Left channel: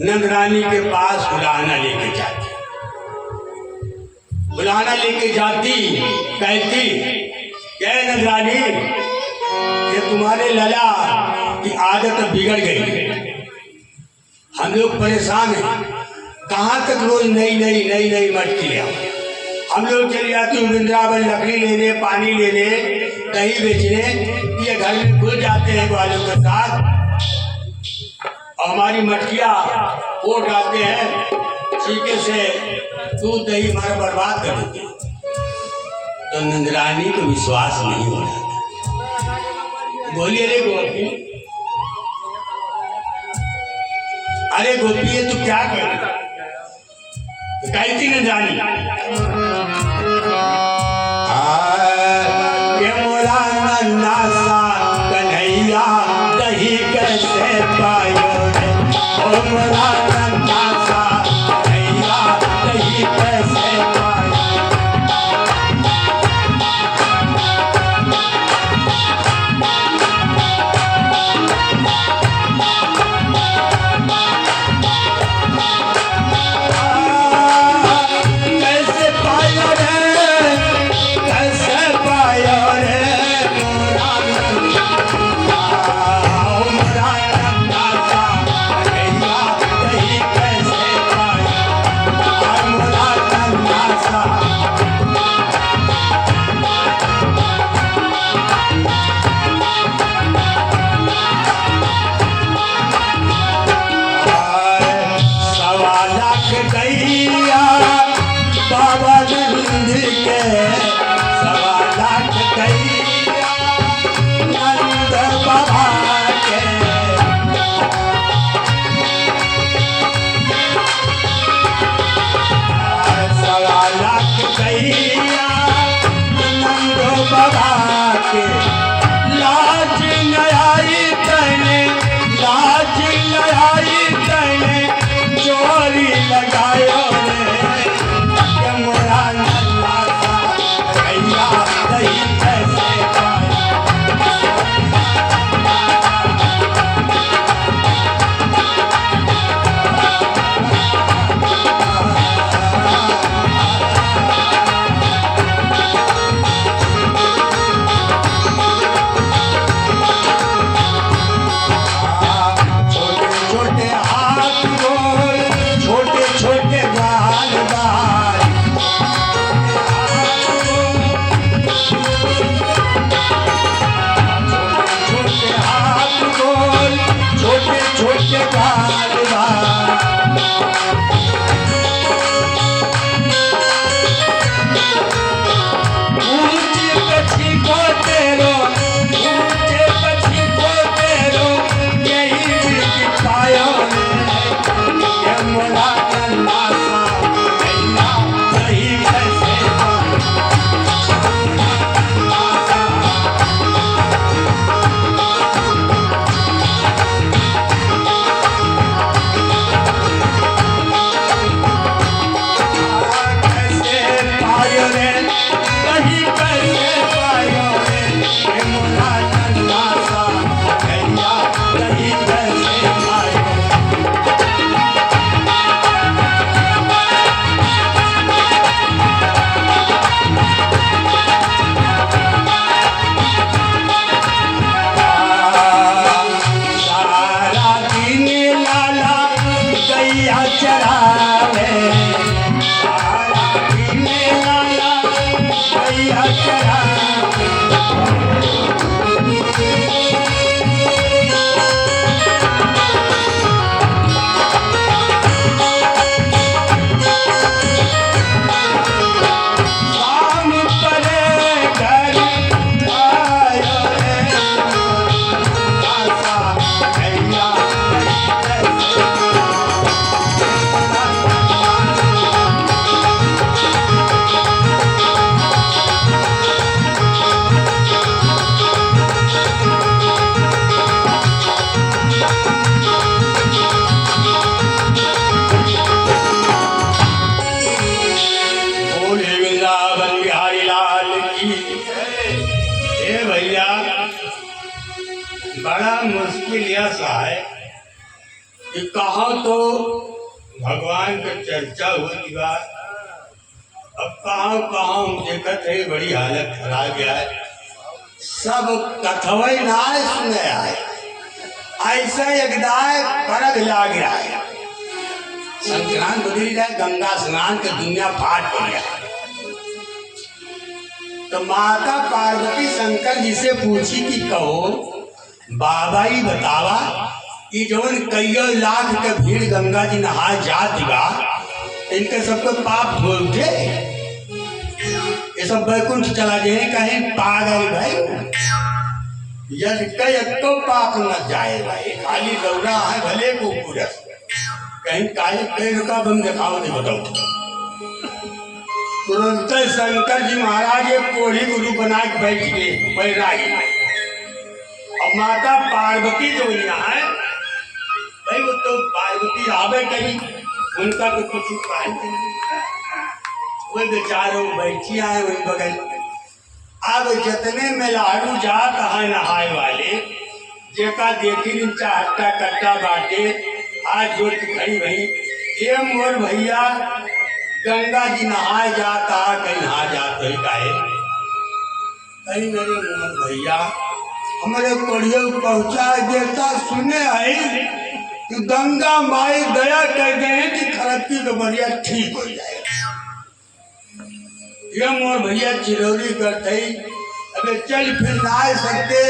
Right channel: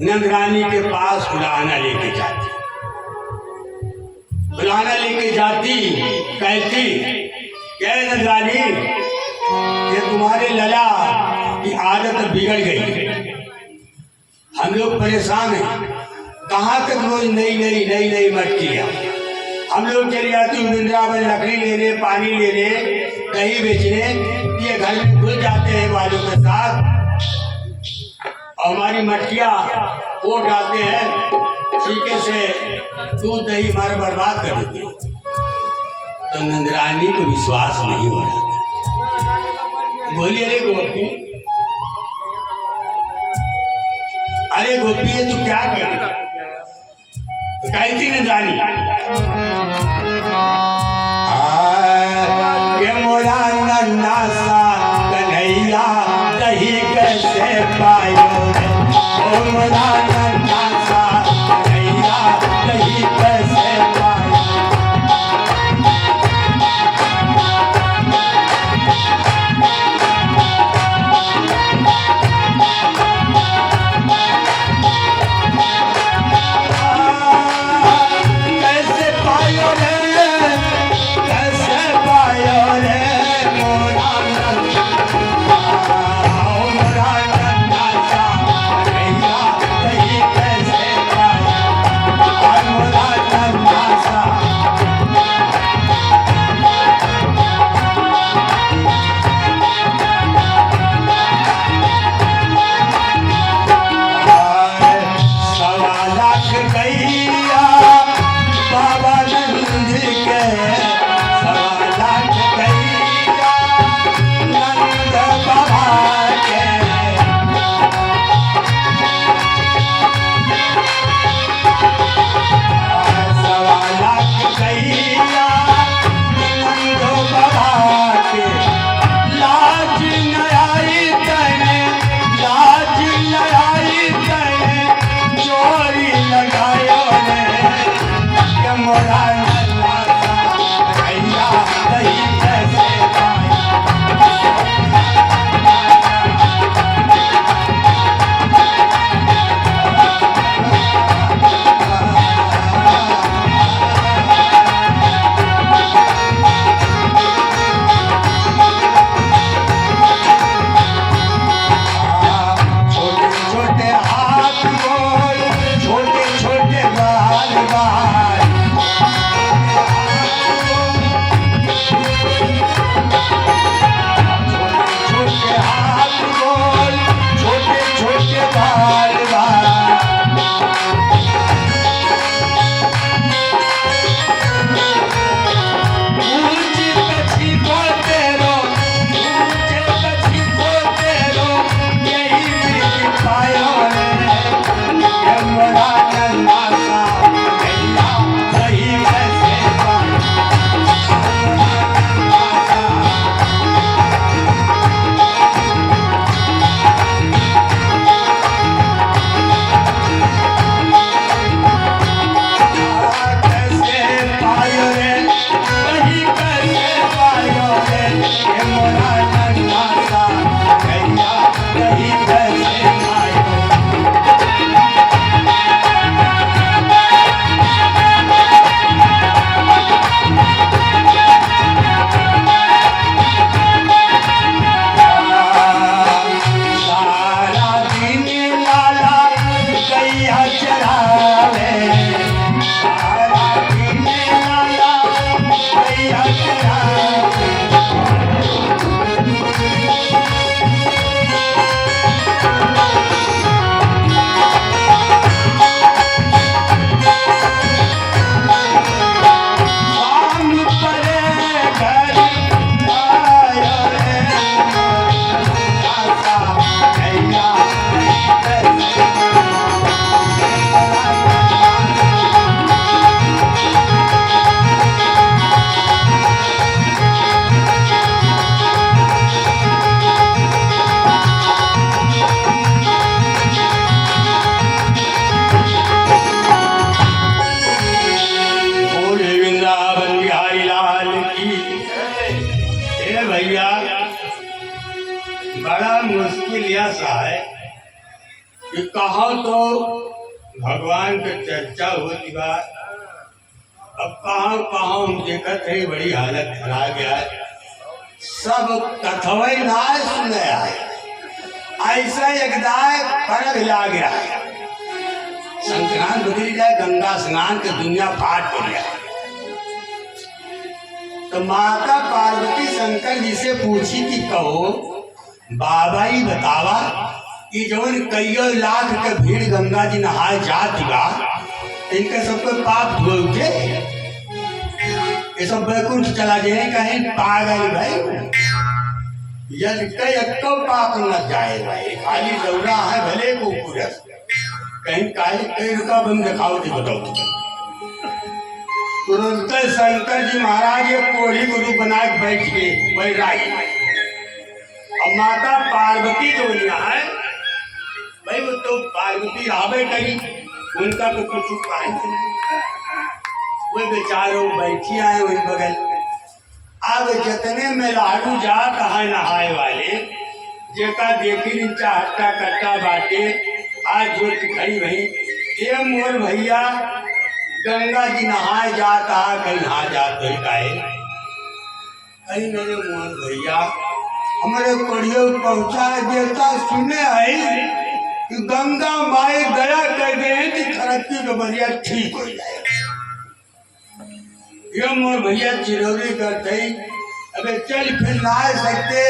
नंदरानी के पास बुलाना लेके जाती कहती क्या नंदरानी, ये तुम्हारे लला की आदत बिगड़ गई, हम लोग परेशान हैं। कहाँ तक रोज नई मटकियाँ हम लोग चले जाते हैं वृंदावन, लकड़ी लेने, पानी लेने, दही बेचने, ये घर में घुस जाते हैं वालों के साथ और हमारी मटकियाँ वो डालते हैं, सीके से दूध दही हमारा बर्बाद कर देते हैं। तो नंदरानी को विश्वास नहीं हो रहा था। बोलिए अरे गोपी, अरे गोपी ये तू क्या कर कहती नंदरानी, मोरा नन्ना सा कन्हैया दही कैसे पायो रे, मोरा नन्ना सा कन्हैया दही कैसे पायो। कहा तो भगवान के चर्चा होती बा, अब कहाँ कहाँ हम देखत है बड़ी हालत खराब है, सब कथवे ना सुने आए, ऐसे एकदाय परग लाग रहा है। संक्रांत बदल जाए, गंगा स्नान के दुनिया फाट हो गया। तो माता पार्वती शंकर जी से पूछी कि कहो बाबा ही बतावा कि जवन कईयों लाख के भीड़ गंगा जी नहाए जाती बा, इनके सबके पाप धो उठे, ये सब बैकुंठ चला जाए, कहीं पागल भाई यदि कई अक्को पाप न जाए भाई, खाली दौड़ा है भले को पूरा कहीं काहे कई रुका बम दिखाओ दे बताओ। तुरंत शंकर जी महाराज एक कोढ़ी गुरु बना के बैठ गए बैरागी। अब माता पार्वती जो यहाँ है भाई, वो तो पार्वती आवे कहीं उनका तो कुछ उपाय नहीं, वो बेचारो बैठी आए वही बगल। अब जितने मेलाड़ू जात है नहाए वाले, जेका देखी नीचा हट्टा कट्टा बाटे आज जोत खड़ी भई, ये मोर भैया गंगा जी नहाए जाता कहीं नहा जाते काहे, कहीं मेरे मोर भैया हमारे कोढ़ियों पहुंचा देता सुने आई कि गंगा माई दया कर दे कि खरती का बढ़िया ठीक हो जाए। ये मोर भैया चिरौरी करते ही अबे चल फिर नहा सकते,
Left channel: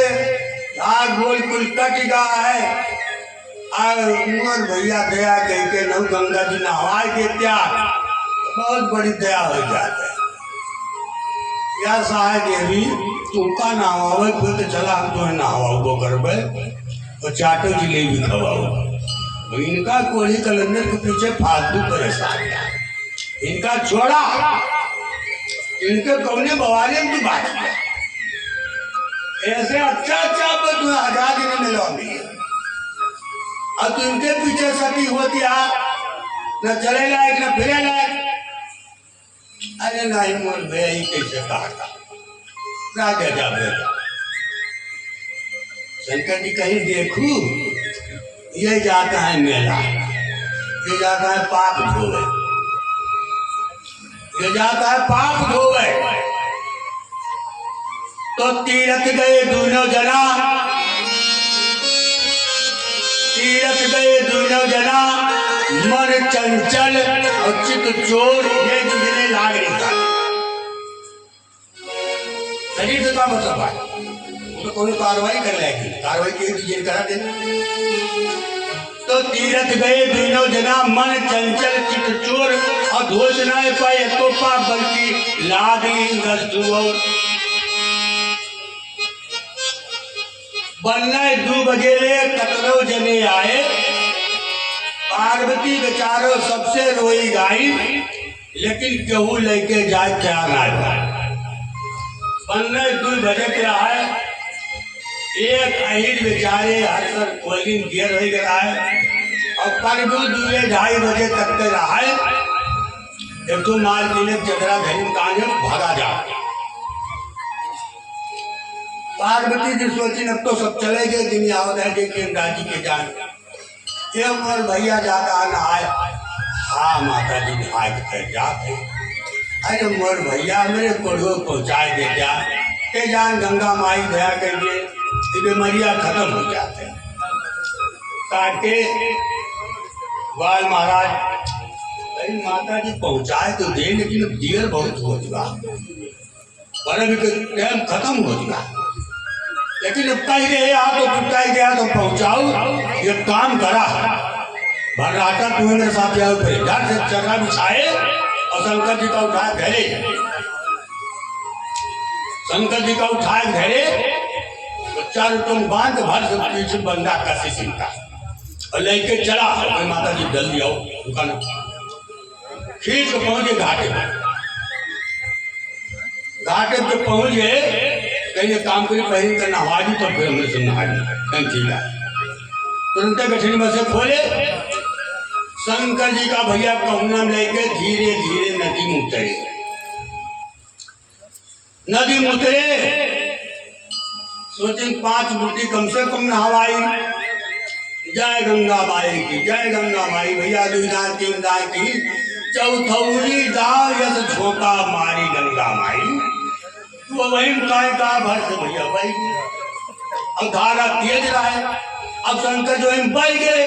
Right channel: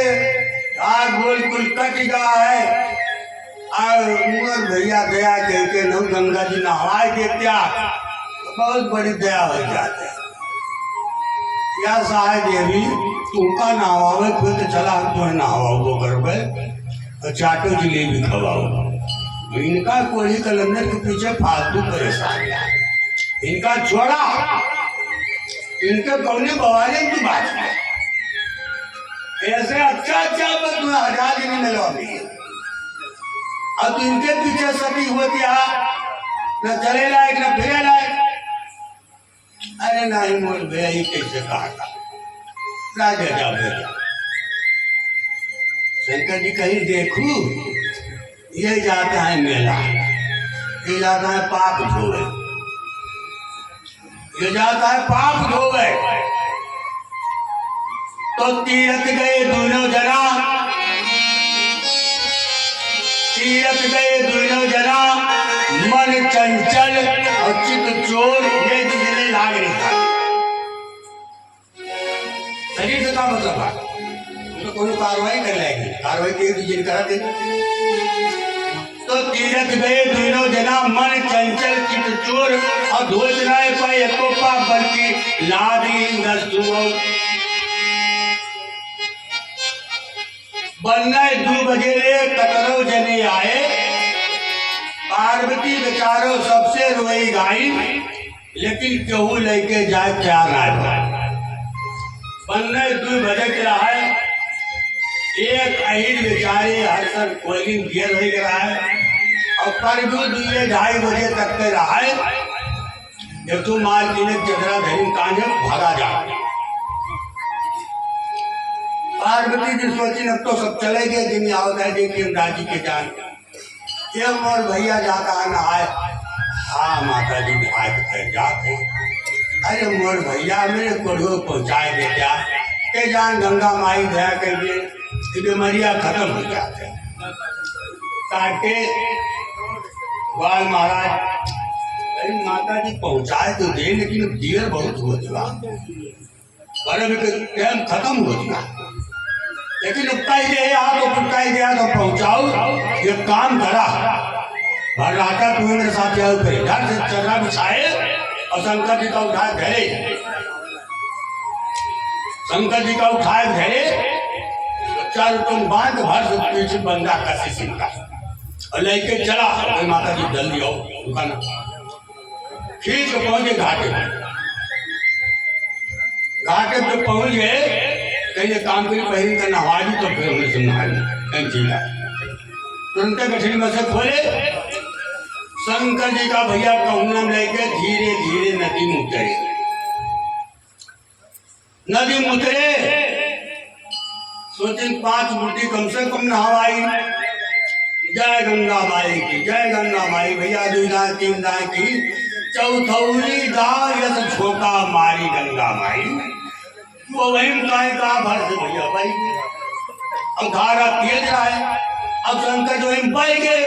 गोल कुल कट गया है, और मोर भैया दया कह के लोग गंगा जी नहवा देते, बहुत बड़ी दया हो जाता है। या सहाय देवी तुमका नहवावे फिर तो चला हम तुम्हें नहवाओ करबे और चाटो जिलेबी खवाओ। इनका कोढ़ी कलंदर के पीछे फालतू परेशान, इनका छोड़ा, इनके कौने बवाले में बात है। ऐसे अच्छा पर तुम्हें आजादी नहीं मिलोगी। अब इनके पीछे सभी होती न चले लायक न फिरे लायक। अरे नहीं मोर भैया ही कैसे कहा था राजा जा बेटा, शंकर जी कहीं देखू ये जाता है मेला, ये जाता है पाप धोवे, ये जाता है पाप धोवे। तो तीरथ गए दोनों जना, तीरथ गए दोनों जना, मन चंचल और चित चोर, ये दूसरे लाग नहीं था। शरीर से क्या मतलब है, तो कोई कार्रवाई कर लेगी, कार्रवाई की दूसरे करा दे। तो तीरथ गए दोनों जना, मन चंचल चित चोर, और धोच न पाए को पाप बल्कि लादली दस्तुओ। बनने 2 बजे ले कतरो जने आए, पार्वती बेचारो सबसे रोई गाई, लेकिन केहू लेके जाए क्या ना जाए। बनने 2 बजे के आए, एक अहिर बेचारे हर कोलिंग गियर हो गया है, और परगु 2-2:30 बजे तक के रहा है। जब तो माल किने चदरा घरी कांगे भागा जा। पार्वती जी सोची अब तो सब चले गए, दिन आओ देखिए दादी के जान ये मोर भैया जाता नहाए। हाँ माता जी नहाए तो फिर जाते, अरे मोर भैया मेरे कोढ़ो पहुँचाए दे क्या के जान गंगा माई दया कर दिए, बीमारियाँ खत्म हो जाते। काटे बाल महाराज अरे माता जी पहुँचाए तो दे, लेकिन अब देर बहुत हो चुका, पर्व के टाइम खत्म हो चुका, लेकिन अब कहीं गया तो टुटाई गया तो पहुँचाओ। ये काम करा भरनाटा तुम्हें मेरे साथ जाओ, फिर घर से चरना बिछाए और शंकर जी का उठाए घरे, शंकर जी का उठाए घरे, चार तुम बांध भर से पीछे बंदा कसी सिंह का और लेके चला। माता जी जल्दी आओ, दुकान खींच के पहुंचे घाटे पे। घाटे पे पहुंच गए, कहीं काम करी पहली का नहाजी, तो फिर हमने सुना कहीं चीला तुरंत गठरी में से खोले। शंकर जी का भैया कहूना लेके धीरे धीरे नदी में उतरे, नदी में उतरे, सोचे 5 बूटी कम से कम नहवाई, जय गंगा माई की, जय गंगा माई। भैया दुईदा तीन दाई की चौथौरी दाव यस झोंका मारी गंगा माई। वो वही काय का भर से भैया भाई। अब धारा तेज रहा है। अब शंकर जो इन बह गए।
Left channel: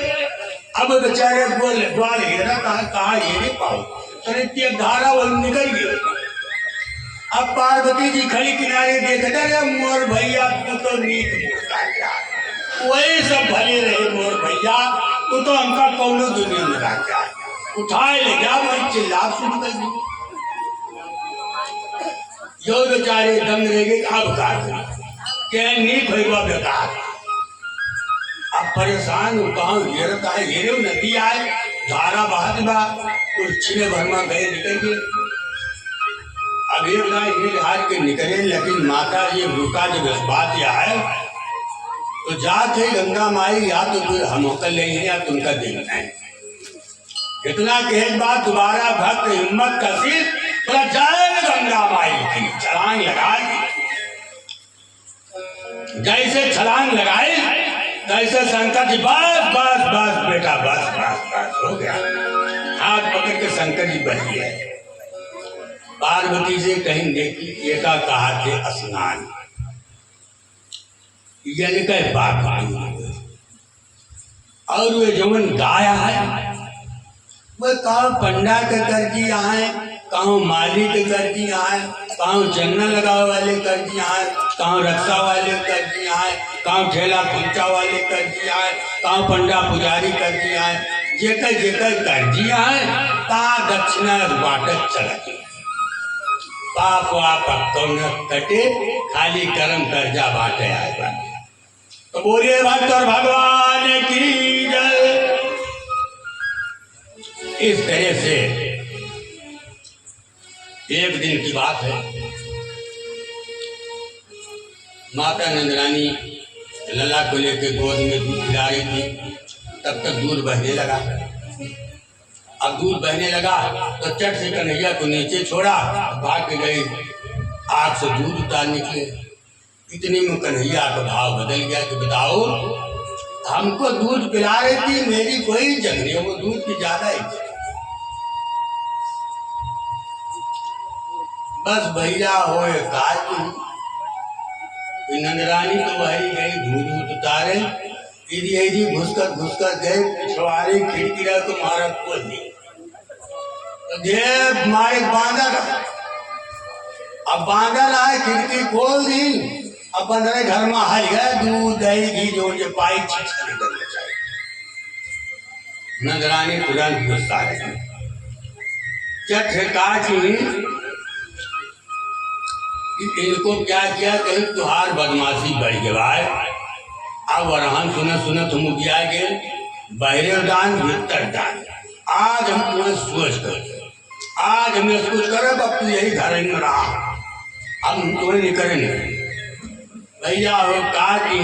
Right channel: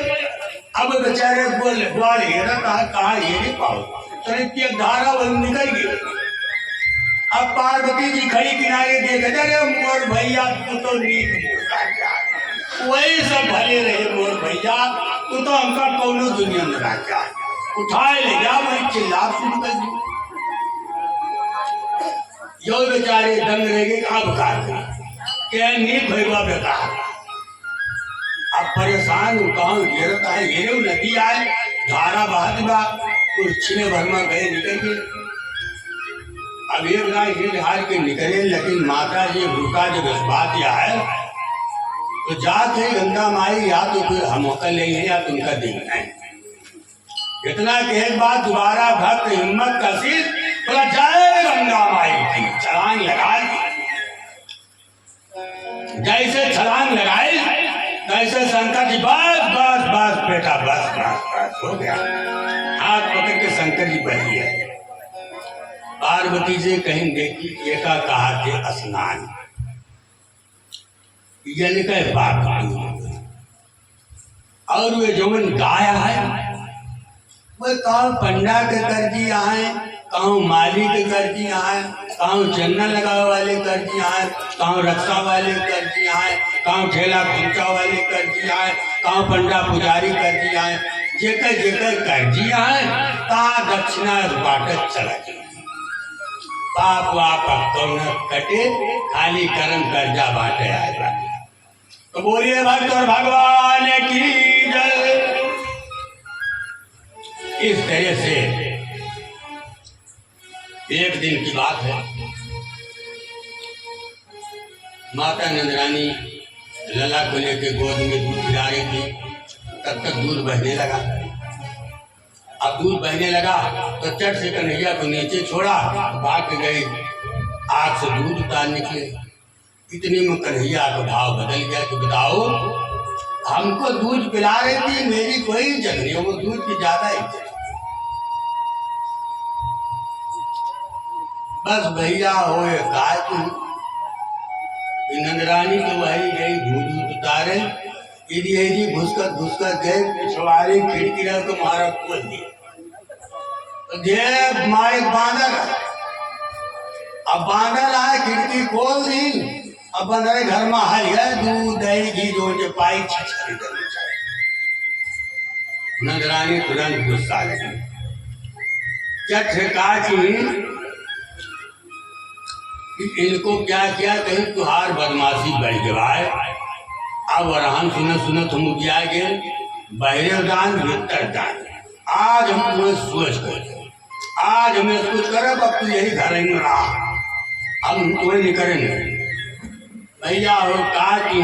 अब बेचारे बोले ग्वाल हेरा कहा ये नहीं पाओ तो धारा वो निकल गई। अब पार्वती जी खड़ी किनारे देख अरे मोर भैया तू तो नीक मूर्खा गया। वही सब भले रहे मोर भैया तू तो हमका कौनो दुनिया में राजा उठाए ले गया। वही चिल्ला शुरू कर दी। जो बेचारे दंग रह गए। अब क्या नीक भैया बेकार। अब परेशान गाँव घेरता है। घेरे नदी आए धारा बहात बा कुछ छिने भर में गए निकल गए। अब एक गाय हार के निकले लेकिन माता जी रुका जब इस बात यह है तो जात है गंगा माई या तो फिर हम होकर ले हैं या तुमका देखना है। इतना कहे बात दोबारा भक्त हिम्मत कसी बोला जय गंगा माई की छलांग लगाए। जैसे छलांग लगाए तैसे शंकर जी बस बस बस बेटा बस बस बस हो गया। हाथ पकड़ के शंकर जी बच गए। पार्वती से कहीं देखी एका कहा थे स्नान बाप और वे जवन गाया है वह कहा पंडा के कर दिया है कहाँ माली के कर दिया है कहाँ चन्ना लगावे वाले कर दिया है कहाँ रक्षा वाले कर दिया है कहाँ ठेला खुंचा वाले कर दिया है कहाँ पंडा पुजारी कर दिया है। जेकर जेकर कर दिया है कहाँ दक्षिणा बाटक चला गया। पाप वाप तो न कटे खाली कर्म कर्जा बांटे आएगा। तो बोलिए भक्त और भगवान की जय। इस तरह से एक दिन की बात है। माता नंदरानी लला को लेकर गोद में दूध पिला रही थी। तब तक दूध बहने लगा। अब दूध बहने लगा तो चट से कन्हैया को नीचे छोड़ा भाग के गए आग से दूध उतारने के लिए। इतने में कन्हैया का भाव बदल गया कि बताओ हमको दूध पिला रही थी मेरी कोई इज्जत नहीं वो दूध की ज्यादा इज्जत। बस भैया हो गाय तुम नंदरानी तो वही गई दूध उतारे यदि घुसकर गए पिछवाड़े खिड़की रहा तो मारा खोल दिया। मारे बांधल अब बांधल आए खिड़की खोल दी। अब बंदर घर में हर है दूध दही घी जो पाई चीज खरीदना चाहिए। नंदरानी तुरंत गुस्सा लगी। चट कि इनको क्या किया कहीं तुहार बदमाशी बढ़ गया है। अब वरहान सुना तुम क्या गए बहरे दान भीतर दान। आज हम तुम्हें सोच कर आज हमें कुछ करे अब तू यही घर ही में रहा। अब हम तुम्हें नहीं करेंगे। भैया हो कहा कि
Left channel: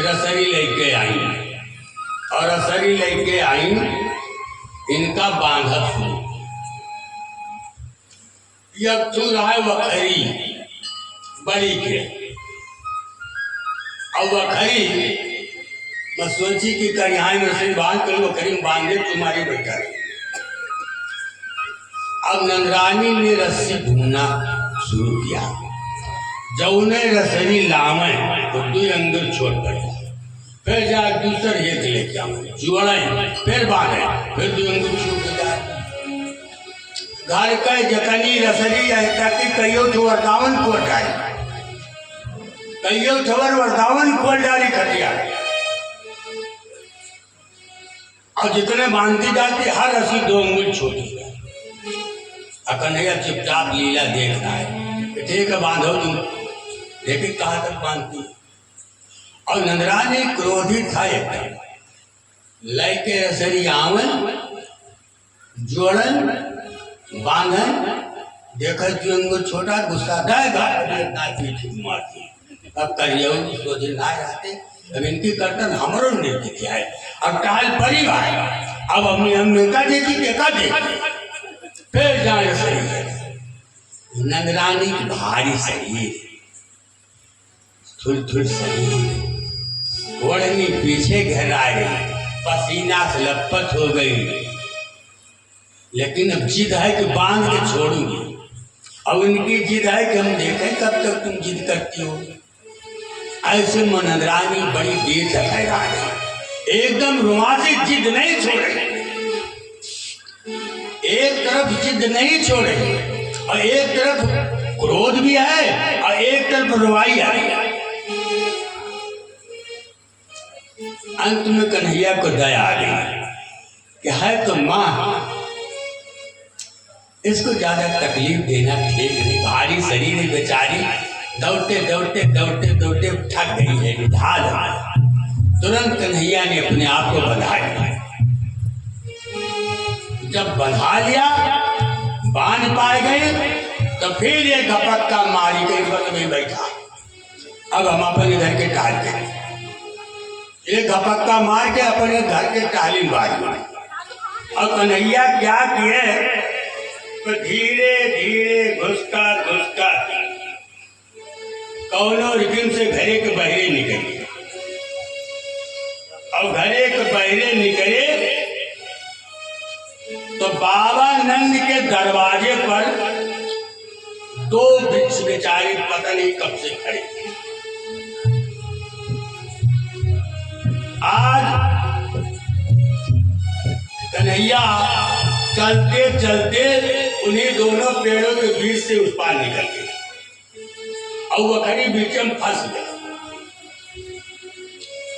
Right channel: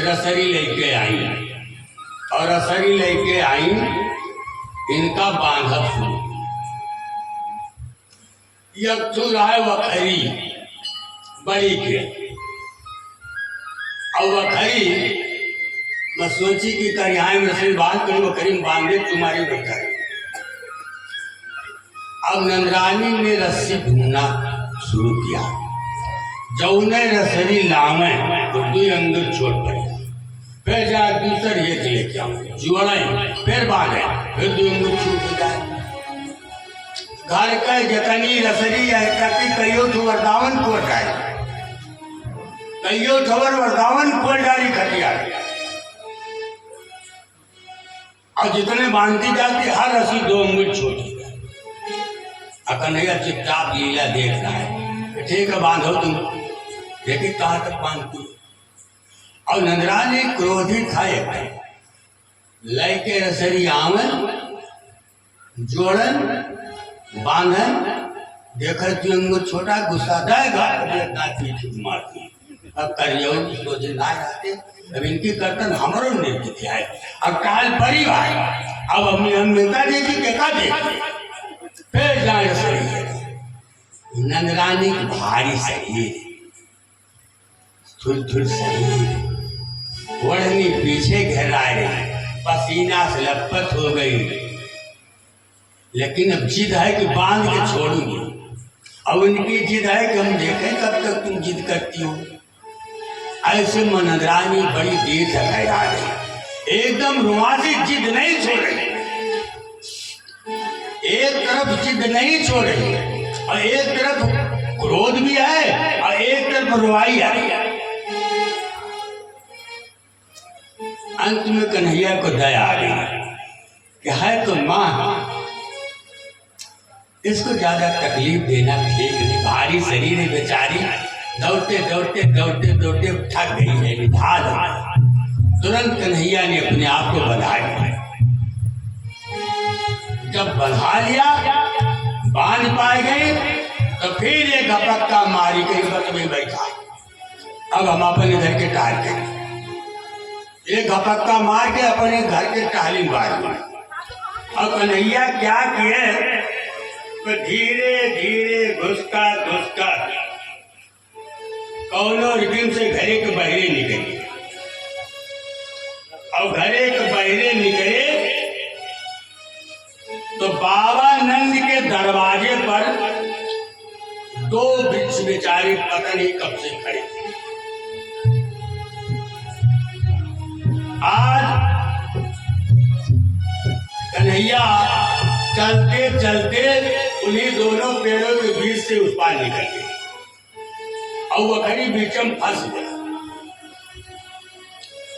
रसरी लेके आई और रसरी लेके आई इनका बांधा शुरू है वखरी बड़ी के। अब वखरी मैं सोची कि कन्याई में रसरी बांध कर वखरी बांधे तुम्हारी बेटा। अब नंदरानी ने रस्सी ढूंढना शुरू किया। जौने रसरी लामे तो दो अंदर छोड़ पड़े। फिर जा दूसर एक लेके आऊँ जुड़े फिर बांधे फिर दो अंदर छूट जाए। घर का जतनी रसरी है ताकि कईयों ठो वरदावन को डाली कईयों ठोर वरदावन को डाली खटिया। और जितने बांधती जाती हर रस्सी 2 उंगली छोटी कन्हैया चुपचाप लीला देख रहा है। ठीक है बांधो तुम देखिए कहाँ तक बांधती। और नंदरानी क्रोधित था लैके रसरी आवन जोड़न बांधन देखत छोटा गुस्सा मारती। अब कहियो सोचे ना रहते अब इनकी कर्तन हमारो निर्मित है। अब काल परी भाई अब हम नेता देती देखा दे फिर जाए सही है। नंदरानी भारी शरीर थोड़ी शरीर ओढ़नी पीछे घेराए, पसीना से लथपथ हो गई, लेकिन अब जिद है कि बांध के छोड़ूंगी। अब उनकी जिद है कि हम देखें कब तक तुम जिद करती हो। ऐसे मनोदरानी बड़ी देर से हैरान है, एकदम रोमांचिक जिद नहीं छोड़े, एक तरफ जिद नहीं छोड़े और एक तरफ क्रोध भी है और एक तरफ रुवाई है। अंत में कन्हैया को दया आ गई कि है तो माँ, इसको ज्यादा तकलीफ देना ठीक नहीं, भारी शरीर है बेचारी, दौड़ते दौड़ते दौड़ते दौड़ते थक गई है, निधाल है। तुरंत कन्हैया ने अपने आप को बंधा लिया। जब बंधा लिया, बांध पाए गए, तो फिर एक झपक्का मारी के बगल में बैठा। अब हम अपने घर के टाल के एक झपक्का मार के अपने घर के टाली मारी। अब कन्हैया क्या किए, तो धीरे धीरे घुसका घुसका कौनो रिबिन से घरे के बहरे निकले। अब घरे के बहरे निकले तो बाबा नंद के दरवाजे पर दो वृक्ष बेचारे पता नहीं कब से खड़े थे। आज कन्हैया चलते चलते उन्हीं दोनों पेड़ों के बीच से उस पार निकल गए और वखरी बीचम फंस गया।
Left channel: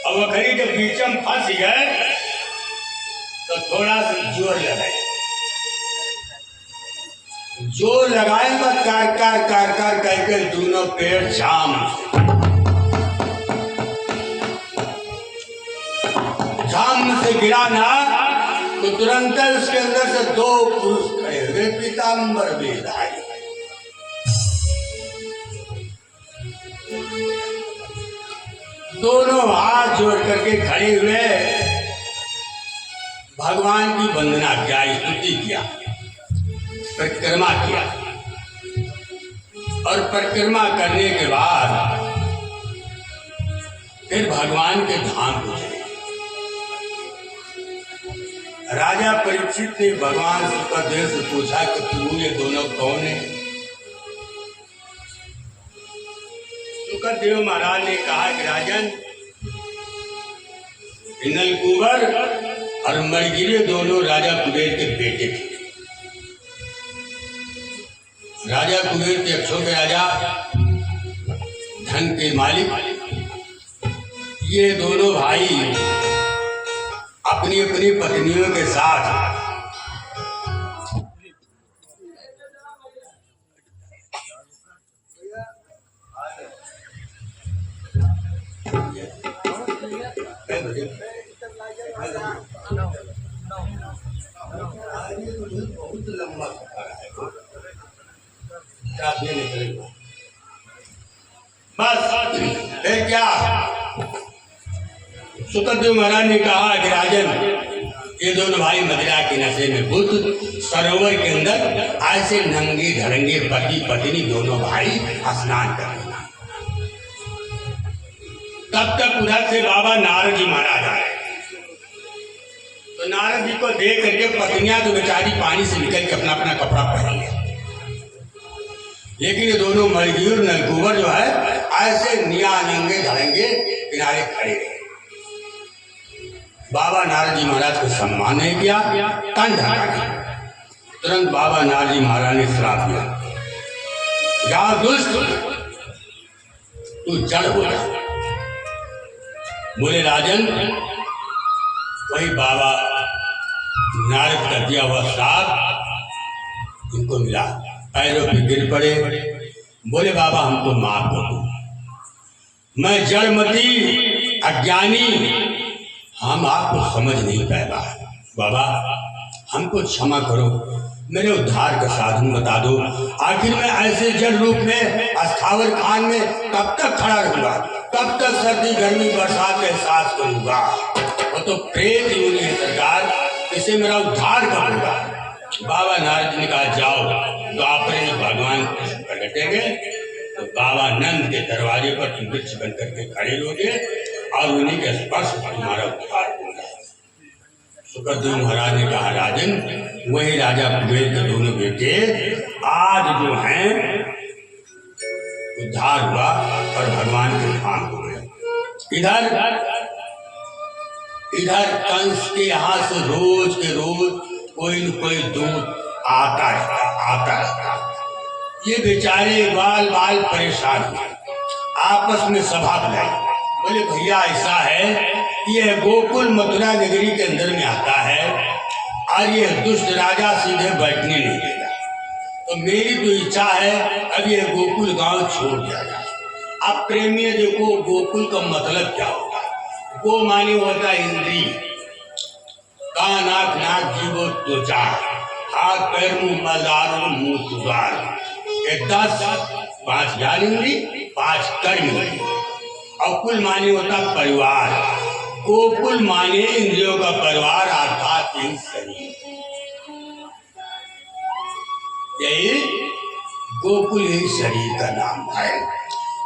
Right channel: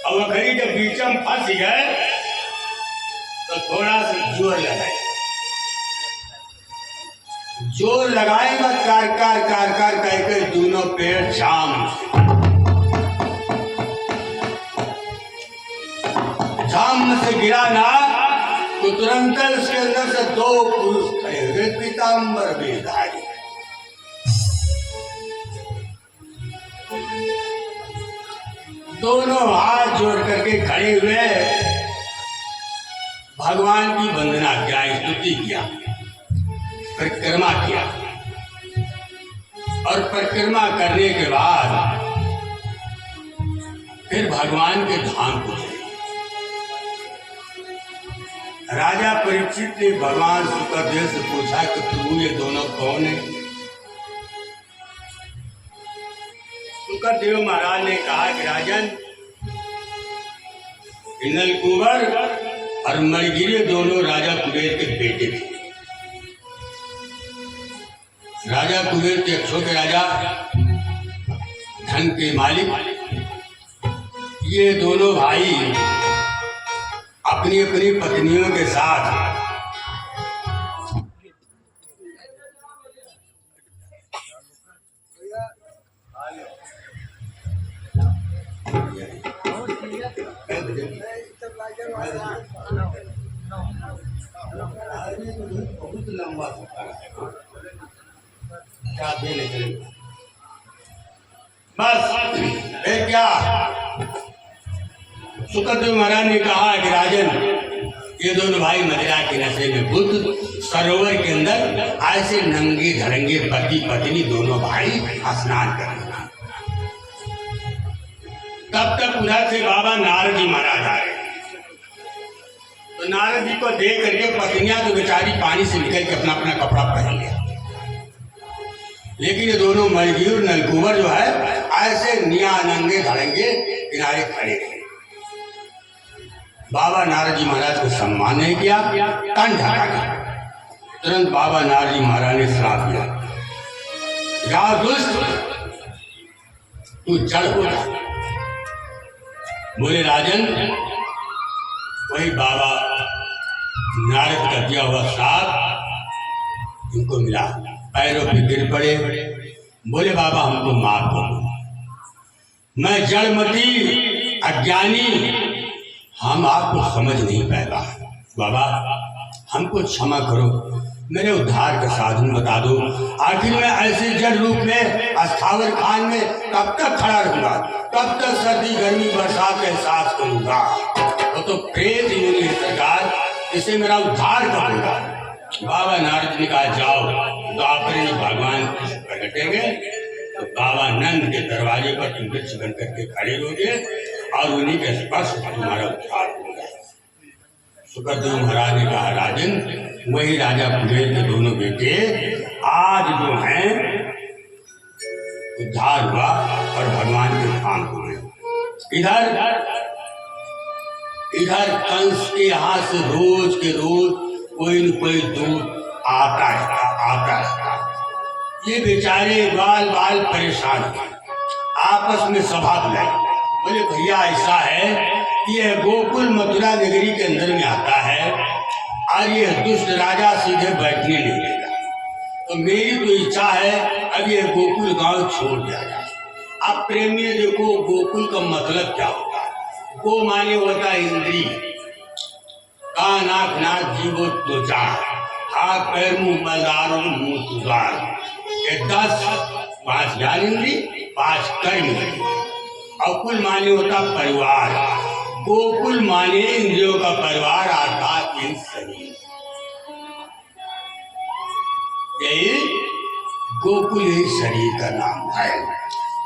और वखरी जब बीचम फंस गए तो थोड़ा सा जोर लगाए, जोर लगाएगा कार कार कार कार कहकर दोनों पेड़ झाम से गिरा ना, तो तुरंत उसके अंदर से दो पुरुष खड़े हुए, पीताम्बर वेशधारी। दोनों हाथ जोड़ करके खड़े हुए भगवान की वंदना किया, स्तुति किया, परिक्रमा किया। और परिक्रमा करने के बाद फिर भगवान के धाम को चले। राजा परीक्षित ने भगवान सुखदेव से पूछा कि तू ये दोनों कौन है? सुखदेव महाराज ने कहा कि राजन, नलकुबर और मणिगिरी दोनों राजा कुबेर के बेटे थे। राजा कुबेर के अक्षों के राजा, धन के मालिक। ये दोनों भाई अपनी अपनी पत्नियों के साथ बहुत लंबा सफर है, बस फिर क्या। सुखदेव महाराज ने कहा कि राजन, ये दोनों भाई मदिरा के नशे में बुद्ध सरोवर के अंदर ऐसे नंगे धड़ंगे पति पत्नी दोनों भाई स्नान कर रहे। तब तक उधर से बाबा नारद जी महाराज आए। तो नारद जी को देख करके पत्नियां तो बेचारी पानी से निकल के अपना अपना कपड़ा पहन लिया, लेकिन ये दोनों मणिगिर नलकुबर जो है ऐसे निया नंगे धड़ंगे किनारे खड़े रहे। बाबा नारद जी महाराज को सम्मान नहीं किया, कान ढका दिया। तुरंत बाबा नारद जी महाराज ने श्राप दिया, जा दुष्ट, तू जड़ हो जा। बोले राजन, वही बाबा नारद का दिया हुआ श्राप उनको मिला, पैरों पे गिर पड़े, बोले बाबा हमको माफ कर दो, मैं जड़मती अज्ञानी, हम आपको समझ नहीं पाएगा, बाबा हमको क्षमा करो, मेरे उद्धार का साधन बता दो। आखिर मैं ऐसे जड़ रूप में अस्थावर खान में कब तक खड़ा रहूंगा, कब तक सर्दी गर्मी बरसात का एहसास करूंगा? वो तो प्रेत योनि है सरकार, इसे मेरा उद्धार करूंगा। बाबा नारद ने कहा जाओ, तो आप भगवान प्रकटेंगे तो बाबा नंद के दरवाजे पर तुम वृक्ष बन करके खड़े रहोगे और उन्हीं के स्पर्श से तुम्हारा उद्धार हो गया। सुखदेव महाराज ने कहा, राजन वही राजा कुबेर के दोनों बेटे आज जो हैं उद्धार हुआ और भगवान के धाम हो गए। इधर कंस के यहाँ से रोज के रोज कोई न कोई दूत आता रहता। ये बेचारे बाल बाल परेशान हुए, आपस में सभा बुलाई। बोले भैया ऐसा है, ये गोकुल मथुरा नगरी के अंदर में आता है और ये दुष्ट राजा सीधे बैठने नहीं देगा, तो मेरी तो इच्छा है अब ये गोकुल गांव छोड़ दिया जाए। अब प्रेमी देखो गोकुल का मतलब क्या होता है। गो माने होता है इंद्री, कान आँख नाक जीव त्वचा, हाथ पैर मुंह मलदार और मुंह सुधार, ये 10 5 ज्ञानेंद्री 5 कर्म। और कुल माने होता परिवार, गोकुल माने इंद्रियों का परिवार अर्थात इन शरीर। यही गोकुल ही शरीर का नाम है।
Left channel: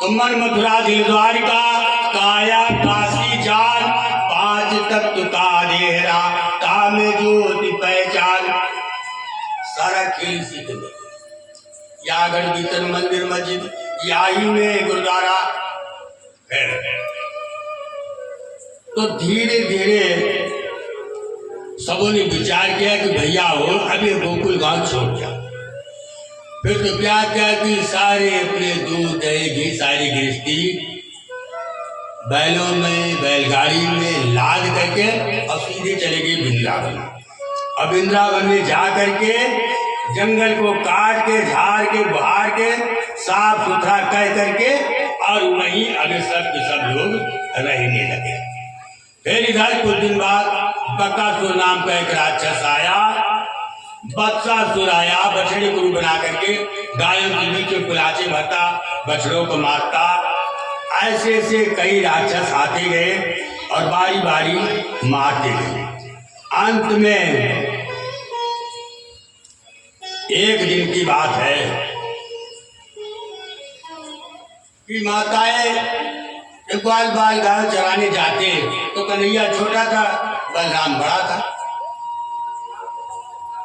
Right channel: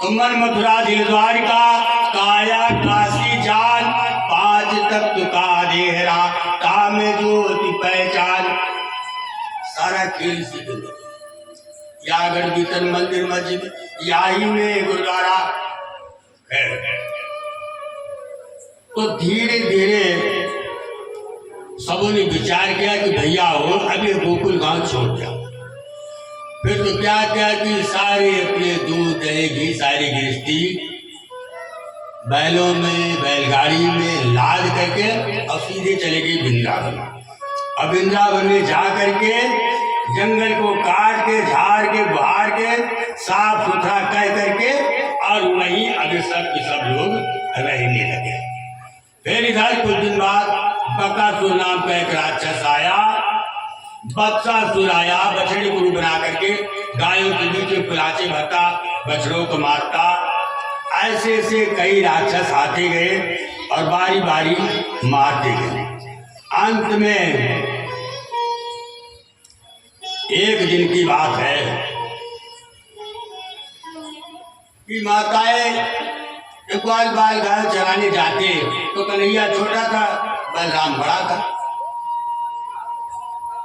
तो मन मथुरा दिल द्वारिका, काया काशी जान, 5 तत्व का देहरा, काम ज्योति पहचान। सारा खेल सीख यागढ़ भीतर मंदिर मस्जिद याही में गुरुद्वारा है। तो धीरे धीरे सबों ने विचार किया कि भैया हो अब ये गोकुल गांव छोड़ दिया। फिर तो क्या क्या कि सारे अपने दूध दही घी सारी गृहस्थी बैलों में बैलगाड़ी में लाद करके और सीधे चले गए वृंदावन। अब वृंदावन में जा करके जंगल को काट के झाड़ के बहार के साफ सुथरा कह करके और वहीं अभी सब लोग रहने लगे। फिर इधर कुछ दिन बाद बकासुर नाम का एक राक्षस आया, बत्सासुर आया, बछड़े को बना करके गायों के बीच में पिलाचे भरता, बछड़ों को मारता। ऐसे ऐसे कई राक्षस आते गए और बारी बारी मारते गए। अंत में एक दिन की बात है कि माताएं बाल बाल गाय चराने जाते तो कन्हैया छोटा था, बलराम बड़ा था।